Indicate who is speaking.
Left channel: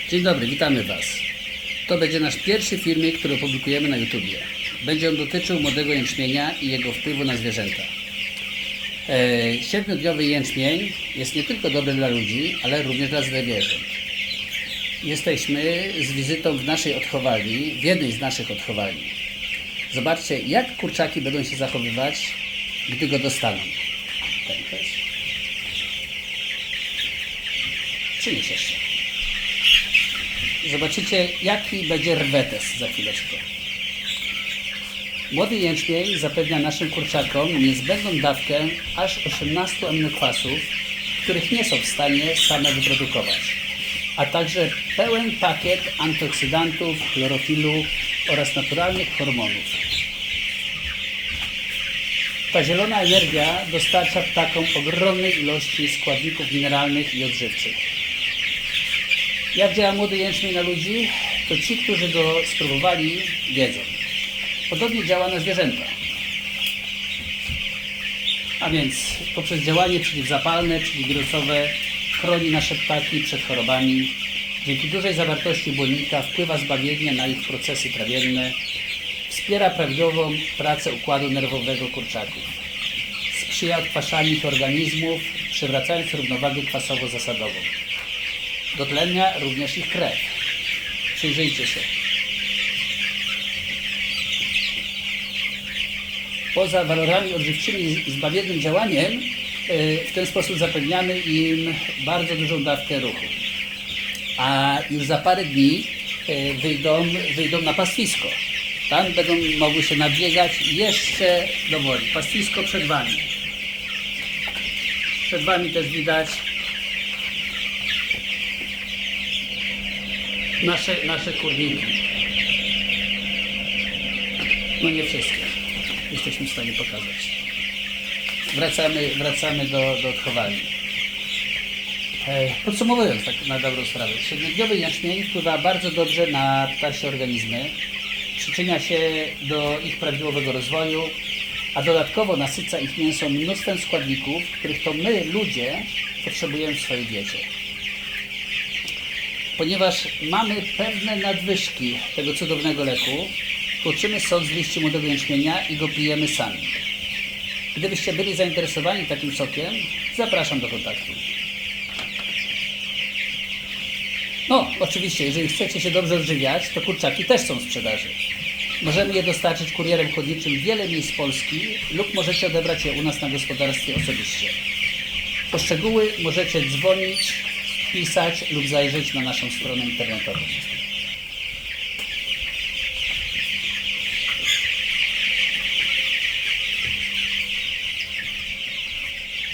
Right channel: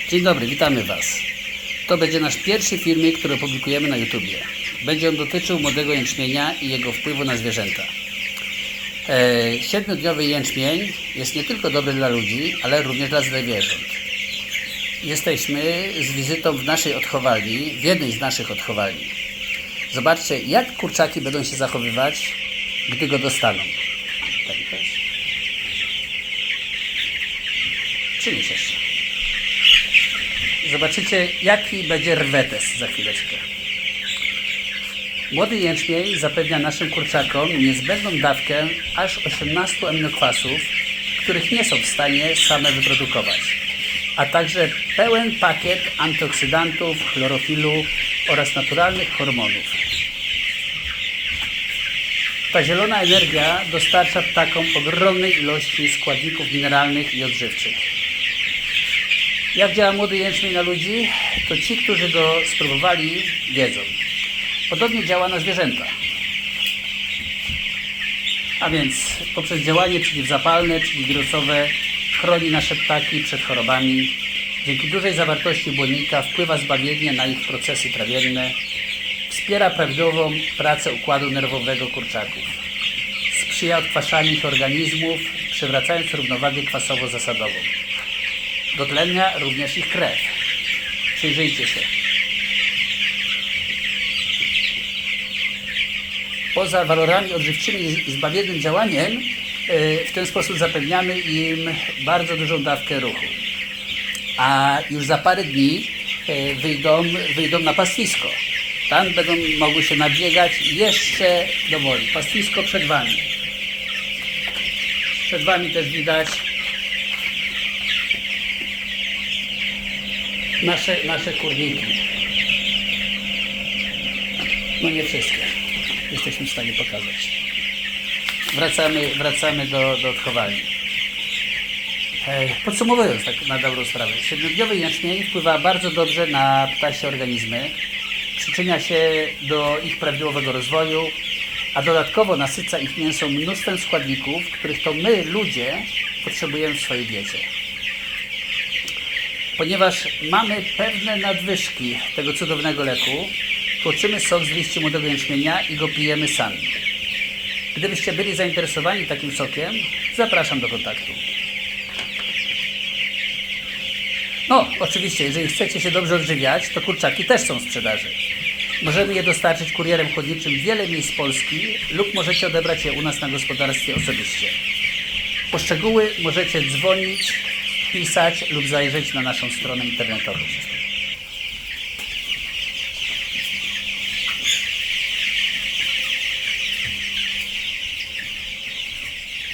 Speaker 1: Dzień dobry, witamy Was. To będzie nasz pierwszy filmik, który opublikujemy na YouTubie. Będzie on dotyczył młodego jęczmienia i jego wpływu na zwierzęta. E, Siedmiodniowy jęczmień jest nie tylko dobry dla ludzi, ale również dla zwierząt. Jesteśmy z wizytą w naszej odchowalni, w jednej z naszych odchowalni. Zobaczcie, jak kurczaki będą się zachowywać, gdy go dostaną. Pękasz? Przynieś jeszcze. Zobaczycie, jaki będzie rwetes za chwileczkę. Młody jęczmień zapewnia naszym kurczakom niezbędną dawkę aż 18 aminokwasów, których nie są w stanie same wyprodukować, a także pełen pakiet antyoksydantów, chlorofilu oraz naturalnych hormonów. Ta zielona energia dostarcza ptakom ogromnej ilości składników mineralnych i odżywczych. Jak działa młody jęczmień na ludzi, to ci, którzy go spróbowali, wiedzą. Podobnie działa na zwierzęta. A więc poprzez działanie przeciwzapalne, przeciwwirusowe chroni nasze ptaki przed chorobami. Dzięki dużej zawartości błonnika wpływa zbawiennie na ich procesy trawienne. Wspiera prawidłową pracę układu nerwowego kurczaków. Sprzyja odkwaszaniu ich organizmów, przywracając równowagę kwasowo-zasadową. Dotlenia również ich krew. Przyjrzyjcie się. Poza walorami odżywczymi i zbawiennym działaniem, e, w ten sposób zapewniamy im bardzo dużą dawkę ruchu. A już za parę dni e, wyjdą, wyjdą na pastwisko. Tam będą mogły się nabiegać jeszcze do woli. Pastwisko przed Wami. Przed Wami też widać nasze, nasze kurniki. No nie wszystkie. Jesteśmy w stanie pokazać. Wracamy, wracamy do, do odchowalni. Podsumowując tak na dobrą sprawę, siedmiodniowy jęczmień wpływa bardzo dobrze na ptasie organizmy, przyczynia się do ich prawidłowego rozwoju, a dodatkowo nasyca ich mięso mnóstwem składników, których to my, ludzie, potrzebujemy w swojej diecie ponieważ mamy pewne nadwyżki tego cudownego leku, tłoczymy sok z liści młodego jęczmienia i go pijemy sami. Gdybyście byli zainteresowani takim sokiem, zapraszam do kontaktu. No, oczywiście, jeżeli chcecie się dobrze odżywiać, to kurczaki też są w sprzedaży. Możemy je dostarczyć kurierem chłodniczym w wiele miejsc Polski lub możecie odebrać je u nas na gospodarstwie osobiście. Po szczegóły możecie dzwonić, pisać lub zajrzeć na naszą stronę internetową.